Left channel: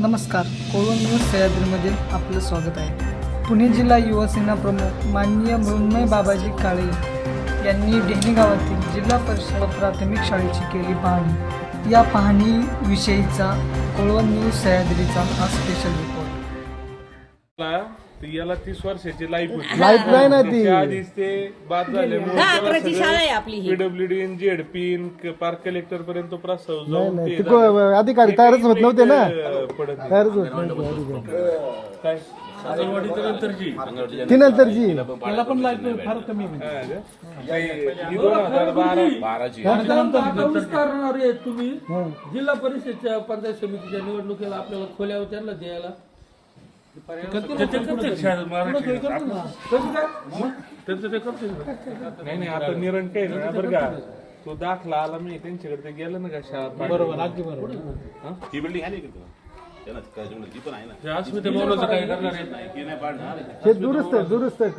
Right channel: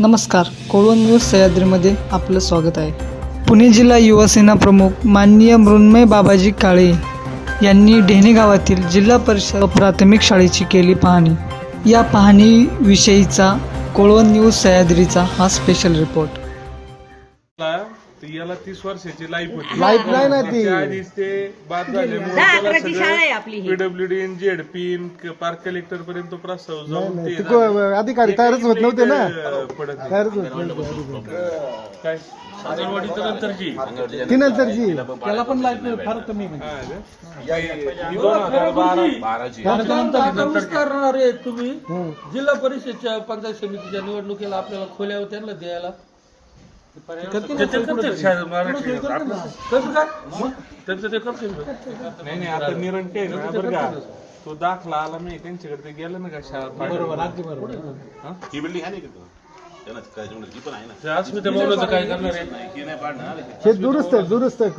नमस्कार कोळवण न्यूज सह्याद्रीमध्ये आपलं स्वागत आहे. पुणे जिल्हा युवासेना प्रमुख माननीय मृण्मय बाबाजी काळे यांनी ढेणे गावातील जिल्हा परिषद प्राथमिक शाळेची केली पाहणी. या पाहणीविषयीचा कोळवण न्यूज सह्याद्रीचा हा स्पेशल रिपोर्ट तर याला तीस वर्षाची लाईफ होती. लाईफ नाही ना ती. आधीच ते बाद झाल्यामुळे दहा अकराची शाळा आहे आपली ही. पीडब्ल्यूडी पार्क कलेक्टर पर्यंत प्रस्ताव जाऊन ते अधिकारी तयारच होत नव्हते ना. अं, पडत नाही. तयारच होत नव्हते. अधिकारी. काय? ती नंतरची त्याला पण फार कमी हा का? काही- ही दोन हजार बारा करणार आहे तुम्ही. जिल्हा परिषदच्या पंचायत समितीच्या निवडणुकीला आपल्याला खोल्या त्यांना द्यायला. नाही नाही आता निरण काय ना बरं का तो दाखला आला नाही त्यांच्याकडे ते गेलं ना का शाळा बरोबर ही बिल्डिंग आहे ना इकडं त्याला काय जमलं, ती पण आहे ना अस्मिता मौलाचं काय करणार आहे? हे दुरुस्त आहे, दुरुस्त आहे.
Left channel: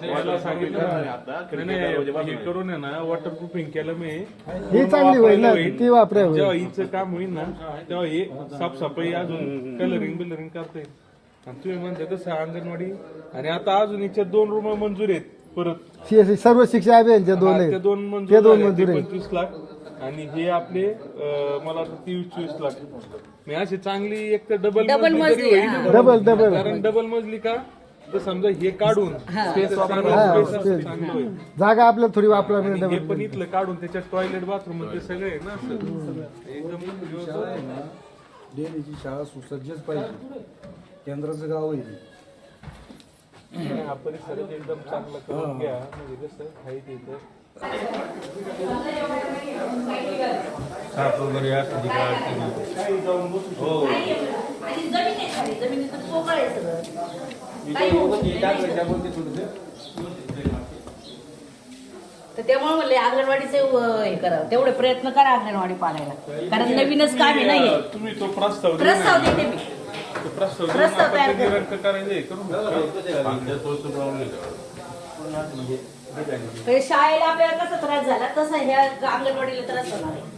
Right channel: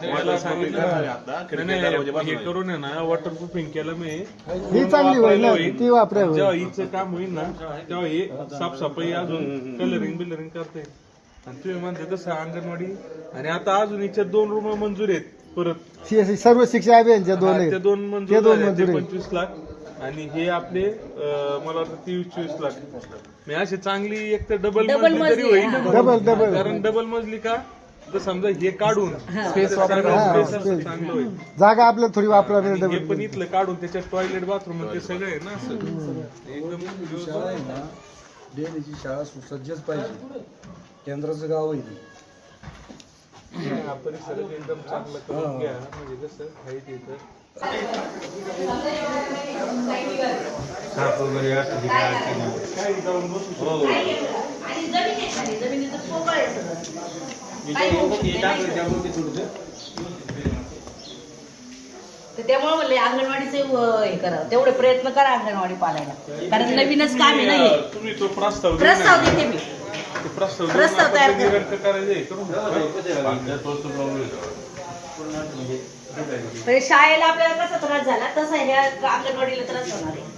त्याला सांगितलं नाही, हे करून आहे ना वॉटर प्रूफिंग केलं मी. ही चांगली होईल ना ती वापरावं जेव्हा हिचं काम होईल ना तेव्हा हे साफसफाई अजून कलरिंग बिलरिंग करता. येईल आणि तुम्ही म्हणता तसं अंगणवाडी. आणि आता अजून हिच्या दोन रूम मंजूर आहेत परत. सी- सर्व शिक्षा अभियानच्या दोन हा, आहेत. ते दोन ते मंजूर दोन झाले ते मंजूर आहेत. पंचवीस लाख. आणि हे आपले अं, मला वाटतं तेवीस चोवीस लाख मी अशी चांगली एक तर डबल Double मजली तरी होईल. डबल डबल कारण डबल मजली का? तर समजा हे काढून चांगला स्पेस असं चांगलं होईल. जागा आपल्याला थोडी वापरावी आणि हे पण इथलं काढून त्याच्यात टॉयलेट बाथरूम ते सगळे आहे ना असं. एकदम शाळा सुसज्जच पाहिजे. केंद्राचं गाव आहे. ते. हा, परिसर एकदम चांगलं करून घ्या. म्हणजे कसं आहे ते इथं. काही जाऊन बसू आणि जमीन आहे खाली जमिनीचं पोकळ आहे सगळं. काही होऊ शकत? तर त्यामुळे म्हणले अंगणवाडीचे हे करा तेवढे प्रयत्न करा अंगणवाडी पाडायला कारण नवीनच काम आहे नाही तुम्ही तो प्रस्ताव देऊ प्रस्ताव देते मी. प्रस्ताव देऊन प्रस्ताव आपण ते करू. निरंक करायचं हे करून तर शाळेला आपल्याला कसा त्रास झाला? तसा ह्या अंगणवाडीला त्रास होणार आहे.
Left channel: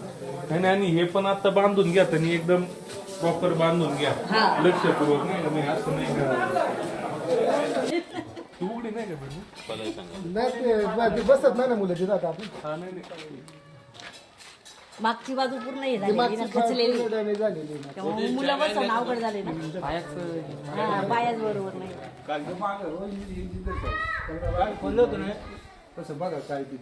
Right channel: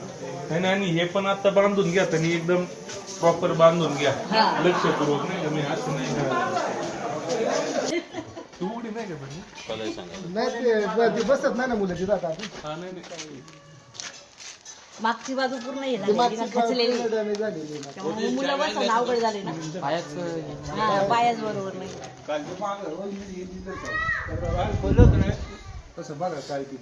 नाही, नाही, आणि हे पण आता बांधून घ्या तुम्ही. एकदम प्रॉपर बांधून घ्या. हा. लक्षपूर्वक नाही का मी असं नाही का तू उडी नाही का म्हणजे नाही ते बसत नाही ना मुलं तिथं आता आपण. हा नाही नाही. मागची बाजू पूर्ण हे झालेली मागची ना खचलेली. त्यामुळे बसणं अवघड झाले ना. हा, पायाच बरोबर नाही. तसं बघा काय ती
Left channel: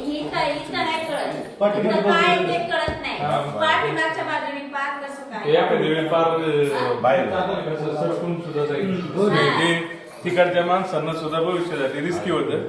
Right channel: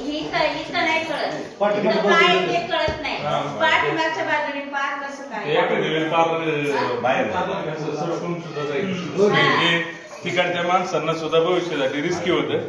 ही काय इथं नाही कळत. इथं काय ते कळत नाही. पाठीमागच्या बाजूने पार कसं काय? एखाद्या वेळी फार बाहेर. सरकून सुद्धा जाईल हे. तिकडच्या माणसांना सुद्धा भविष्यासाठी रिस्की होतं.